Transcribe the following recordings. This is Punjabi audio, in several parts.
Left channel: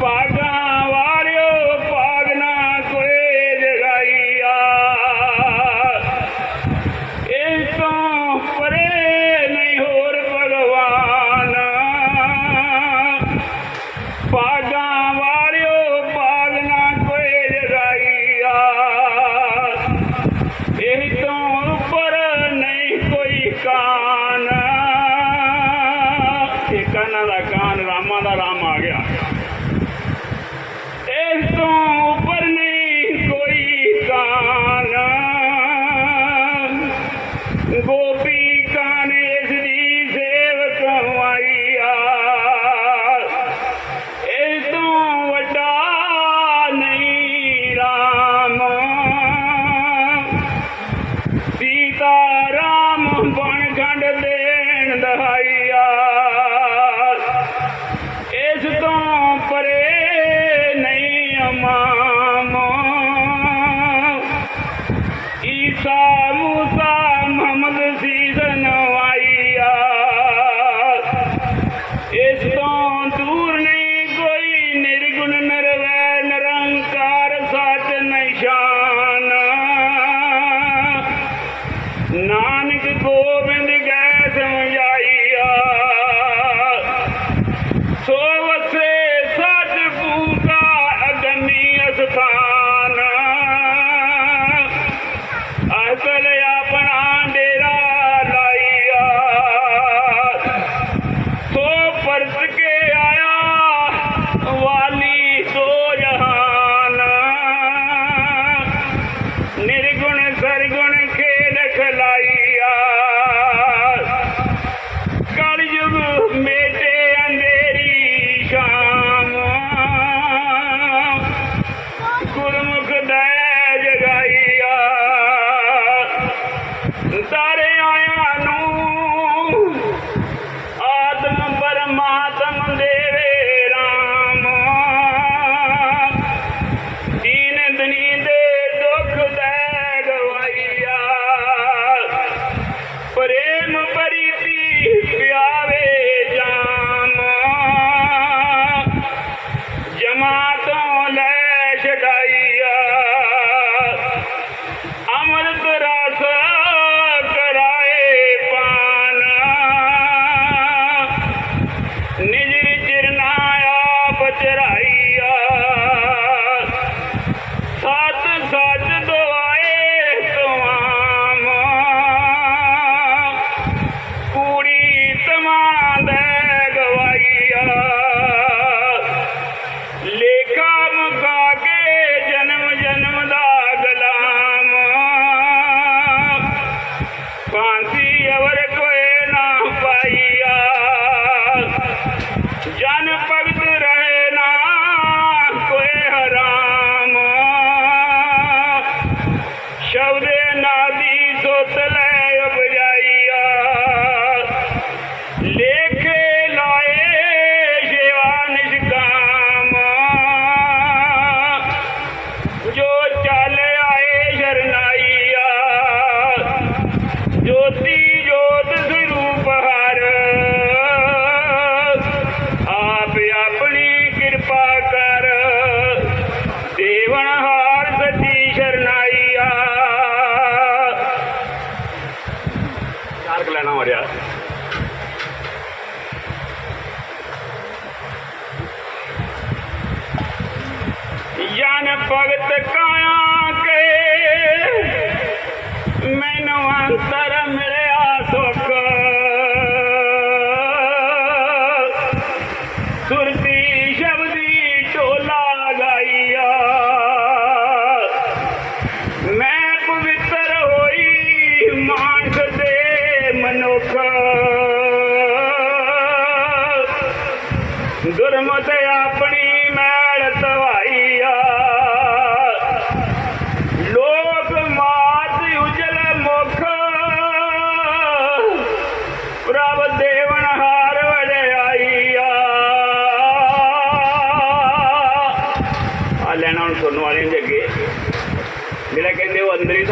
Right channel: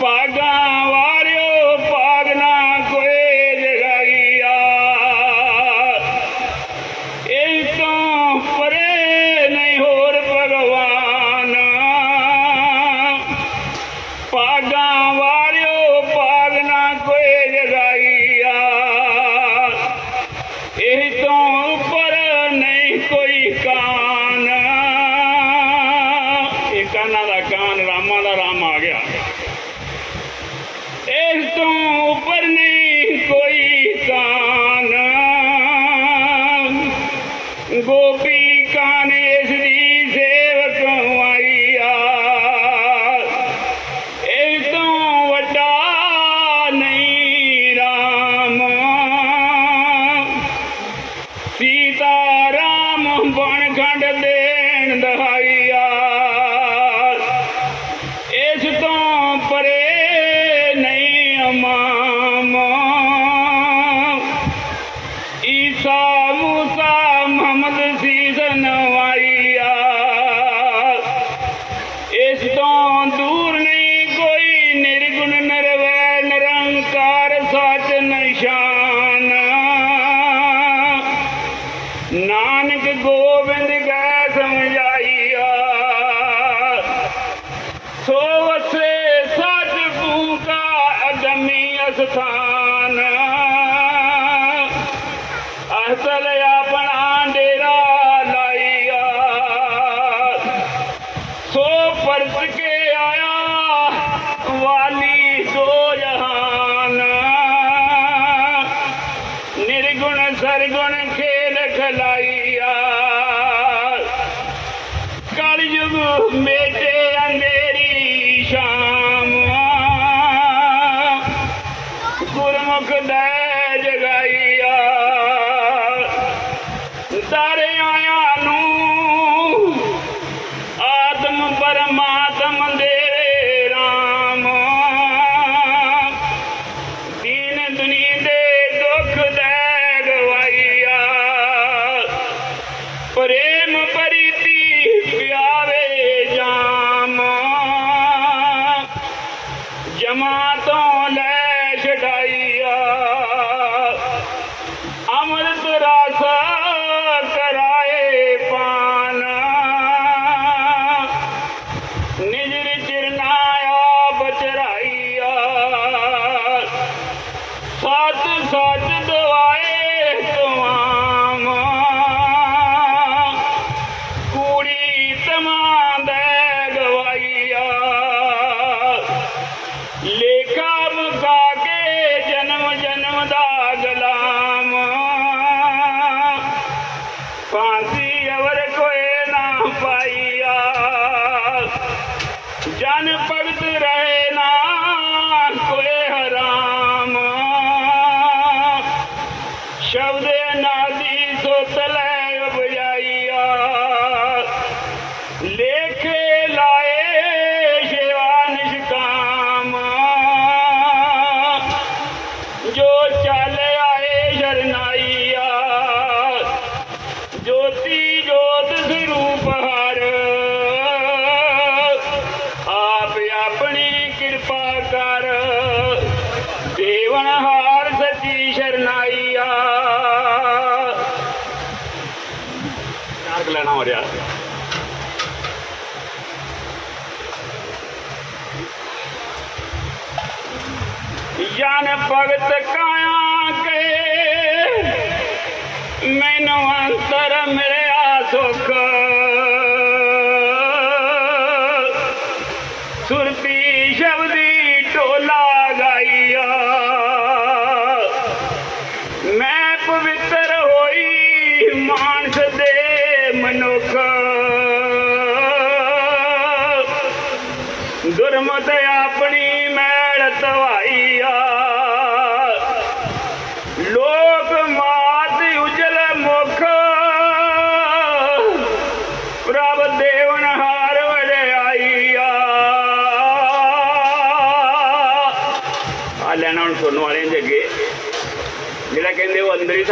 ਭਾਗਾਂ ਵਾਰਿਓ, ਭਾਗ ਨਾ ਕੋਈ ਜਗਾਈਆ। ਇਸ ਤੋਂ ਪਰੇ ਨਹੀਂ ਹੋਰ ਭਗਵਾਨ। ਭਾਗਾਂ ਵਾਰਿਓ, ਭਾਗ ਨਾ ਕੋਈ ਜਗਾਈਆ। ਇਹ ਤੋਂ ਉੱਪਰ ਨਹੀਂ ਕੋਈ ਕਾਨ। ਇਹ ਕਾਨਾ ਦਾ ਕਾਨ, ਰਾਮਾ ਦਾ ਰਾਮ ਆ ਗਿਆ। ڪوئي ڪانه. گو وڏا نئي رام. سيتا رام بڻ ਨਾਨਕ ਗੋਬਿੰਦ ਗੈ ਸਮਝਾ ਮੈਨੂੰ ਅੰਤਰ ਮੇਰੇ ਆ ਸੁਖ। ਸੁਰ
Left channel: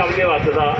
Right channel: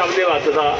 ਅੰਦਰ ਹੀ ਸਭ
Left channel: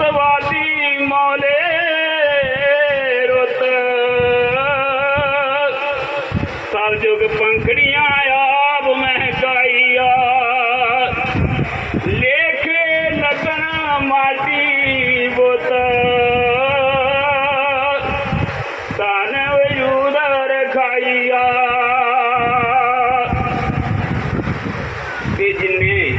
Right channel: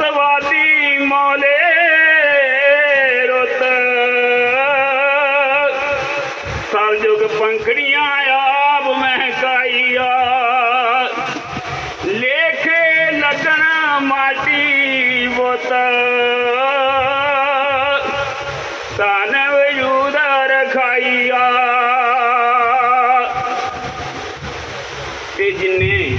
ਸਵਾਦੀ ਸਤਵਾਦੀ ਮੌਲੇ ਰੁੱਤ। ਸਭ ਪੰਖੜੀਆਂ ਆਪ ਮਹਿਕਾਈਆ। ਲੇਖੇ ਲੱਗਣ ਮਾਟੀ ਬੋਤ। ਤਨ ਵਜੂਦ ਰਖਾਈਆ। ਕਿ ਜਿਨੇ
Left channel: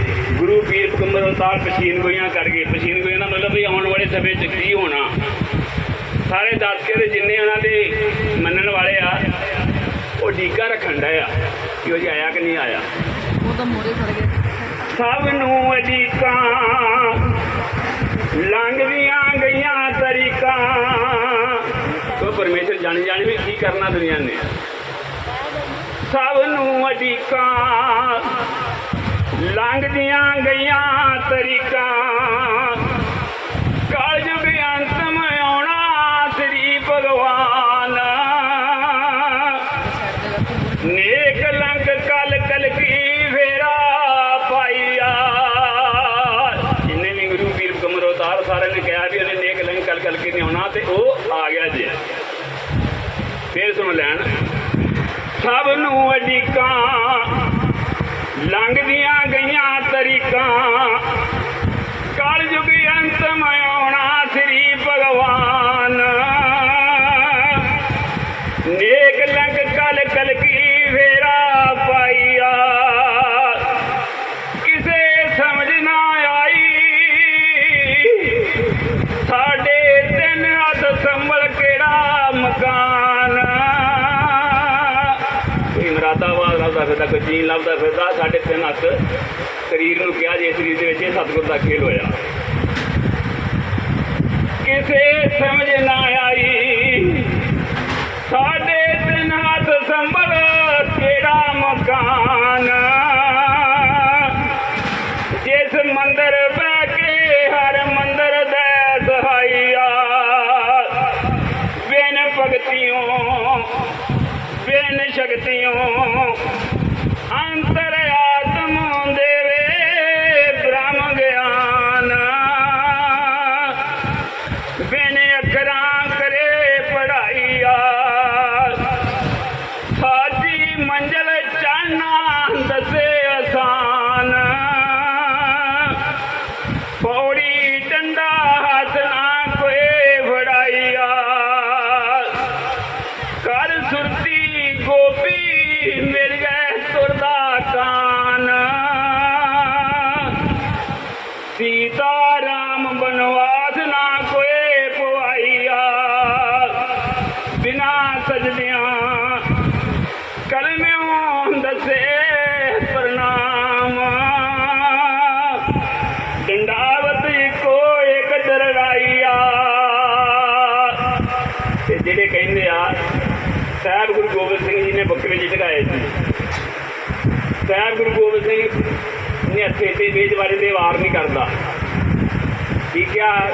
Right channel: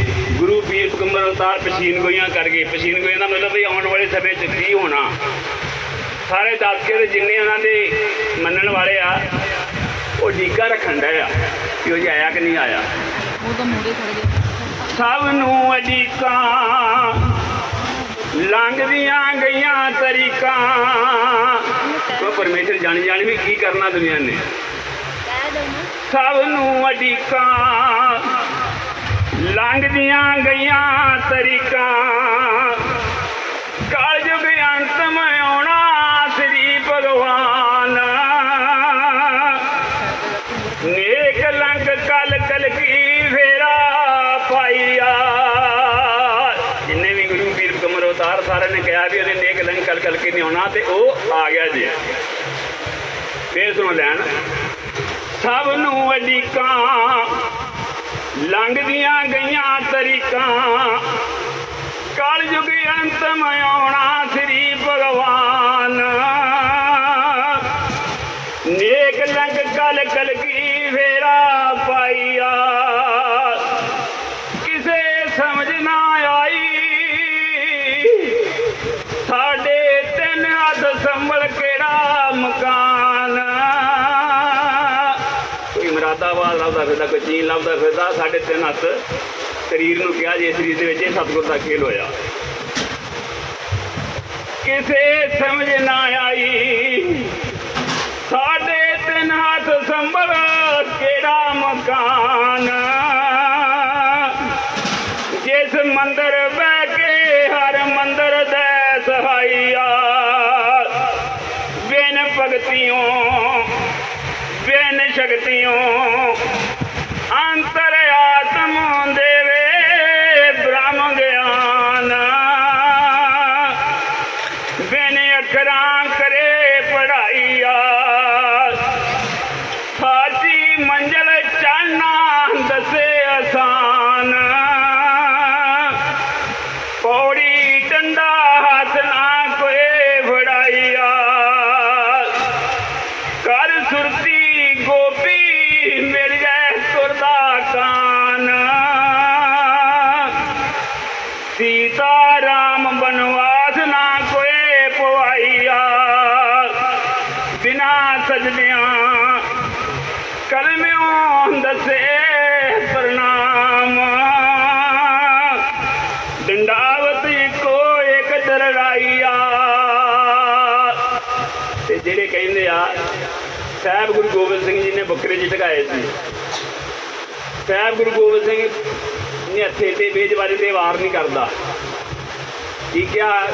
ਗੁਰੂ ਪੀਰ ਕੁੰਮਰ ਅਵਤਾਰ ਪਸੀਨ ਗੋਈਆਂ ਕਰਕੇ ਪਸੀਨ ਗੋਈਆਂ ਦਾ ਮਤਲਬ ਵੀ ਆਉਣ ਵਾਲੇ ਸਮੇਂ 'ਚ ਕੀ ਹੋਣਾ? ਸਾਰੇ ਦੱਸ ਕੇ ਤੇ ਜਿੰਨੇ ਉਹਨਾਂ ਦੇ ਮੰਨਣ ਵਾਲੇ ਆ ਉਹ ਢੀਕਾ ਰੱਖਣ ਡਏ ਆ ਕਿ ਉਹ ਜੀ ਆਇਆ ਕਿ ਨਹੀਂ ਆਇਆ। ਉਹ ਤਾਂ ਮੋਰੇ ਖੜ ਗਿਆ ਸਭ ਨੂੰ ਅਜੀਕਾਂ ਲੰਘਦੀਆਂ ਗਈਆਂ ਤਰੀਕਾਂ। ਉਹ ਪਰਮੇਸ਼ਰ ਜਾਣੀ ਜਾਣੀ ਵੀ ਕੀ ਕਰਨਾ ਦੁਨੀਆ ਨੇ। ਸਭ ਨੂੰ ਅਜੀਕਾਂ ਲੰਘਦੀਆਂ ਗਈਆਂ ਤਰੀਕਾਂ। ਕਲਯੁਗ ਅੰਤਮ ਆਉਣਾ ਸ੍ਰੀ ਭਗਵਾਨ। ਨੇਕ ਲੰਕ ਕਲ ਕਲ ਕੀ ਫੇਰਾ ਪਾਈਆ। ਜਿੰਨੇ ਵੀ ਗੁਰੂ ਪੀਰ ਕਮਰ ਅਵਤਾਰ ਸਾਰਿਆਂ ਨੇ ਕਿਹਾ ਵੀ ਉਹਨੇ ਨੇਕ ਲੰਕ ਕਲ ਕਲ ਕੀ ਨਹੀਂ ਆਉਣਾ ਤੇ ਉਹ ਆ ਗਿਆ ਜੀ। ਫੇਰ ਸੁਣ ਲੈਣ। ਸਭ ਨੂੰ ਅਜੀਕਾਂ ਲੰਘਦੀਆਂ ਗਈਆਂ ਤਰੀਕਾਂ। ਕਲ ਯੁਗ ਅੰਤਮ ਆਉਣਾ ਸ੍ਰੀ ਭਗਵਾਨ। ਨੇਕ ਲੰਗ ਕਲ ਕਲ ਕੀ ਫੇਰਾ ਪਾਈਆ। ਕਿਸੇ ਸਮਝ ਨਾ ਆਈ। ਸਾਡੇ ਤਿੰਨ ਹੱਥ ਸੰਭਲ ਕਿਹੜਾ ਮਕਾਨ? ਕੋਈ ਲੱਭਦਾ ਫਿਰਦਾ, ਕੋਈ ਚੀਨ ਲੱਭਦਾ ਫਿਰਦਾ ਸਾਡੇ ਤਿੰਨ ਹੱਥ ਸਰੀਰ ਨੂੰ ਕਿਹਾ ਜੇ ਸਰੀਰ ਦੇ ਵਿੱਚ ਇਹ ਸਤਿਗੁਰ ਦਾ ਖੇਲ ਹੋਇਆ। ਕਿਸੇ ਸਮਝ ਨਾ ਆਈ ਸਾਡੇ ਬਿਨ ਸ਼ਕਤਿयों ਜਿਹੜੇ ਕਹਿੰਦੇ ਆ, ਸਾਹਿਬ ਗੁਰੂ ਗੋਬਿੰਦ ਸਿੰਘ ਜੀ ਨੇ ਬੱਕਰੇ ਜੀ ਢਗਾਏ ਸੀ। ਸਾਹਿਬ ਗੁਰੂ ਗੋਬਿੰਦ ਸਿੰਘ ਨੇ ਹੱਥੇ ਤੇ ਬੇਜਵਾਰੀ ਦੇ ਵਾਰ ਨਹੀਂ ਕਰਦਾ। ਠੀਕ ਆ?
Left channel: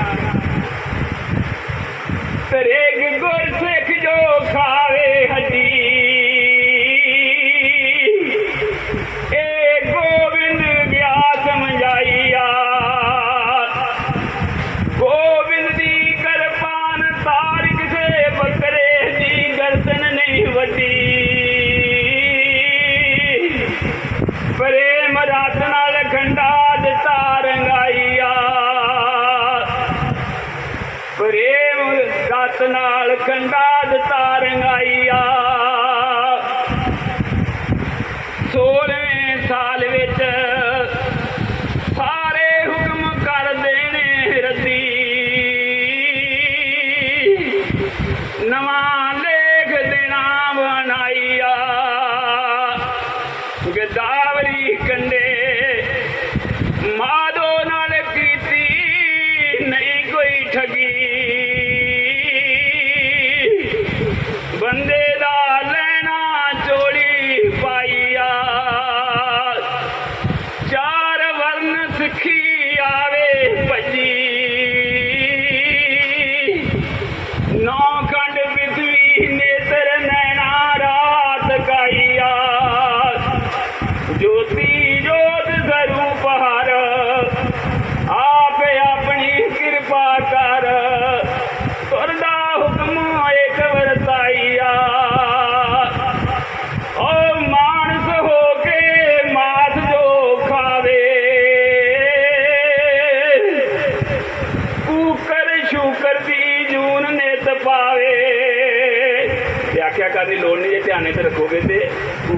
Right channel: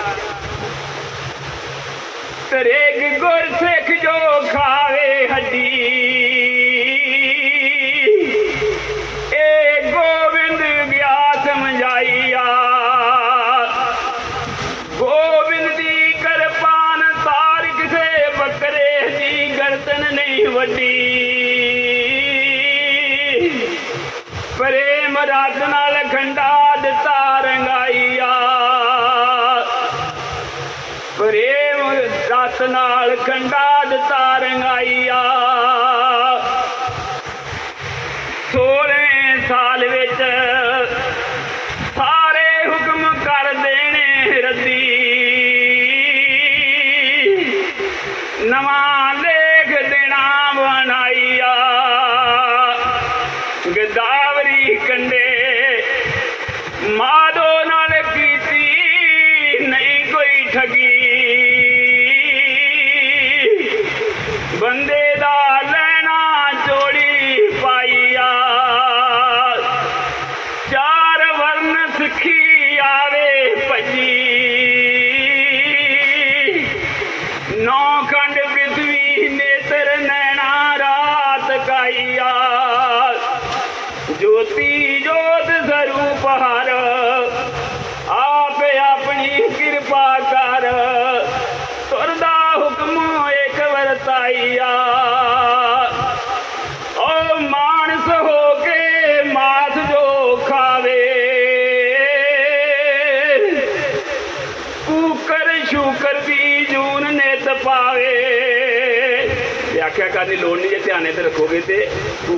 ਤਰੇਕ ਗੁਰ ਸਿੱਖ ਜੋ ਖਾਵੇ ਹੱਡੀ ਦਿੱਤਾ ਬੰਦੇ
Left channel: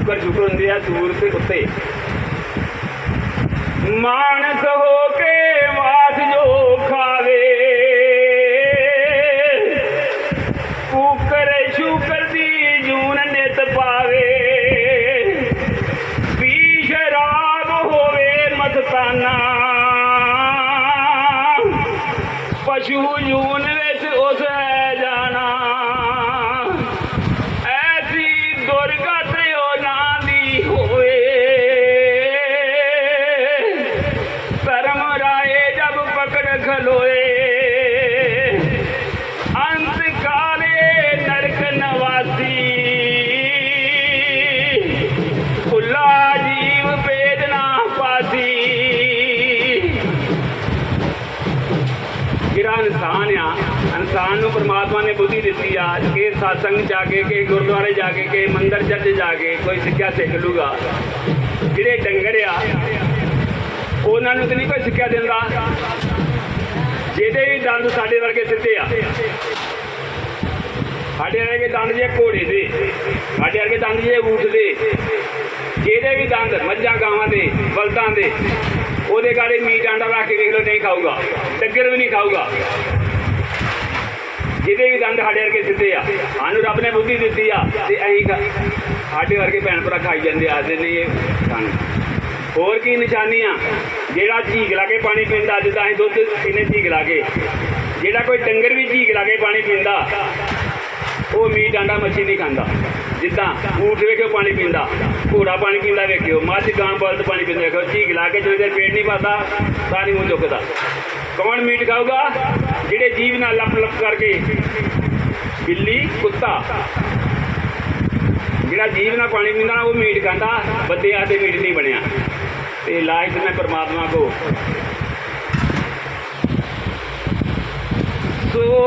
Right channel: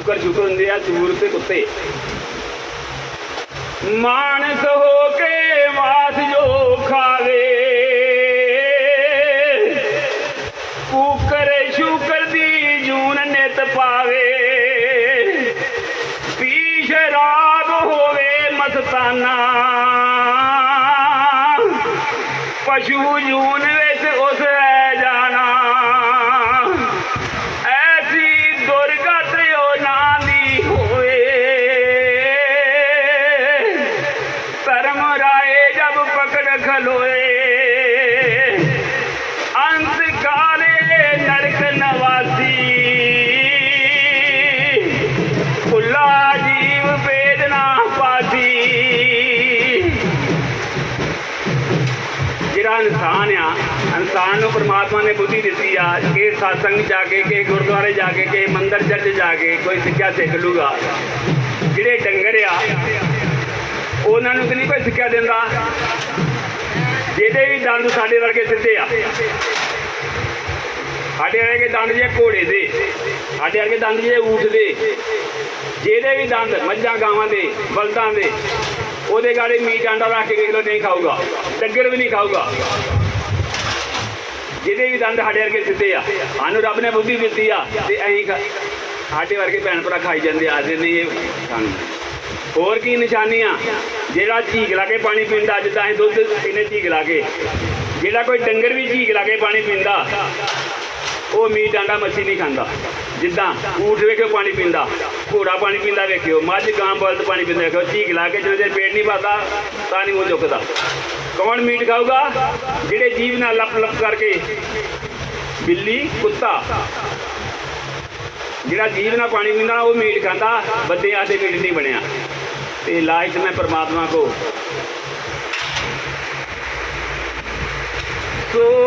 ਕੂਕਰ ਸ਼ੂਕਰ ਹੁੰਦੇ ਆ ਦੂਰ ਤੇ ਕੁੱਤੇ ਮਾਨਸ ਹੋ ਇਨਸਾਨ ਨੂੰ ਪ੍ਰਮਾਤਮਾ ਨੇ ਬੁੱਧੀ ਦਿੱਤੀ ਆ ਕਿ satsang ਜਾ ਕੇ, ਕਿ ਗੁਰਦੁਆਰੇ ਜਾ ਕੇ, ਕਿ ਮੰਦਰ ਚਰਚ ਜਾ ਕੇ ਕੋਈ ਸਿੱਖਿਆ ਸਿੱਖ ਲੂਗਾ। ਜਿਹੜੇ ਡੰਗਰ ਆ, ਉਹਨਾਂ ਨੂੰ ਤੇ ਨਹੀਂ ਕੋਈ ਸਿੱਖਿਆ ਦਿੰਦਾ। ਜਿਹਦੇ ਵੀ ਦੰਦ ਸਾਡੇ ਵਰਗੇ ਸਿੱਧੇ ਆ। ਸਾਡੇ ਵਰਗੇ ਦੰਦ ਜੇ ਘੋੜੇ ਦੇ, ਸਾਡੇ ਵਰਗੇ ਦੰਦ ਜੇ ਊਠ ਦੇ। ਜਿਹਦੇ ਵੀ ਦੰਦ ਮੱਝਾਂ, ਗਾਵਾਂ ਦੇ, ਬਲਦਾਂ ਦੇ, ਉਹਦੇ ਗਾੜੇ ਮੀਟ ਆਂਡਾ ਰੱਖ ਕੇ ਵੇਖ ਲਓ, ਨਹੀਂ ਖਾਊਗਾ। ਡੱਗਰ ਵੀ ਨਹੀਂ ਖਾਊਗਾ। ਜਿਹਦੇ ਵੀ ਦੰਦ ਸਾਡੇ ਵਰਗੇ ਸਿੱਧੇ ਆ, ਸਾਨੂੰ ਰੱਬ ਨੇ ਬੁੱਧੀ ਦਿੱਤੀ ਆ, ਤੇ ਅਸੀਂ ਸਾਡੇ ਵਰਗੇ ਭੈਣ ਭਰਾ ਖਾਈ ਜਾਂਦੇ ਆ ਆਦੇ ਨਹੀਂ ਇਹ ਸਾਨੂੰ। ਹੋਰ ਕੀ ਨਿਸ਼ਾਨੀਆਂ? ਜਿਹੜਾ ਝੀਕ ਲਾ ਕੇ ਪਾਣੀ ਪੀਂਦਾ ਜਿੱਦਾਂ ਅਸੀਂ ਦੁੱਧ ਪੀਨੇ ਝੀਕ ਲਾ ਕੇ। ਜਿਹੜਾ ਕੋਈ ਡੰਗਰ ਵੀ ਝੀਕ ਲਾ ਕੇ ਪਾਣੀ ਪੀਂਦਾ, ਉਹ ਮੀਟ ਆਂਡਾ ਮੱਛੀ ਨਹੀਂ ਖਾਂਦਾ। ਜਿੱਦਾਂ ਊਠ ਵੇਖਿਓ ਪਾਣੀ ਪੀਂਦਾ, ਘੋੜਾ ਪਾਣੀ ਪੀਂਦਾ ਵੇਖਿਓ, ਮੱਝ ਗਾਂ ਬਲਦ ਪਾਣੀ ਪੀਂਦਾ ਵੇਖਿਓ, ਝੀਕ ਲਾ ਕੇ ਜਦੋਂ ਦੇਰ ਪੇਟ ਨਹੀਂ ਭਰਦਾ ਤਾਂ ਨਹੀਂ ਮੂੰਹ ਚੁੱਕਦਾ ਕੌਣ ਮੀਟ ਖਾਊਗਾ? ਜਿਹੜੇ ਜੀਵ ਨਾਲ ਲੱਪ ਲੱਪ ਕਰਕੇ। ਬਿੱਲੀ, ਕੁੱਤਾ। ਜਿਹੜਾ ਜੀਵ ਨਾਲ ਪਾਣੀ ਪੀਂਦਾ, ਉਹ ਮੀਟ ਖਾਂਦਾ। ਬੰਦੇ ਆਦੇ ਮੀਟ ਨਹੀਂ ਬਣਿਆ। ਤੇ ਲਾਜ ਮੈਂ ਪਰਮਾਤਮਾ ਕੋ। ਸੋ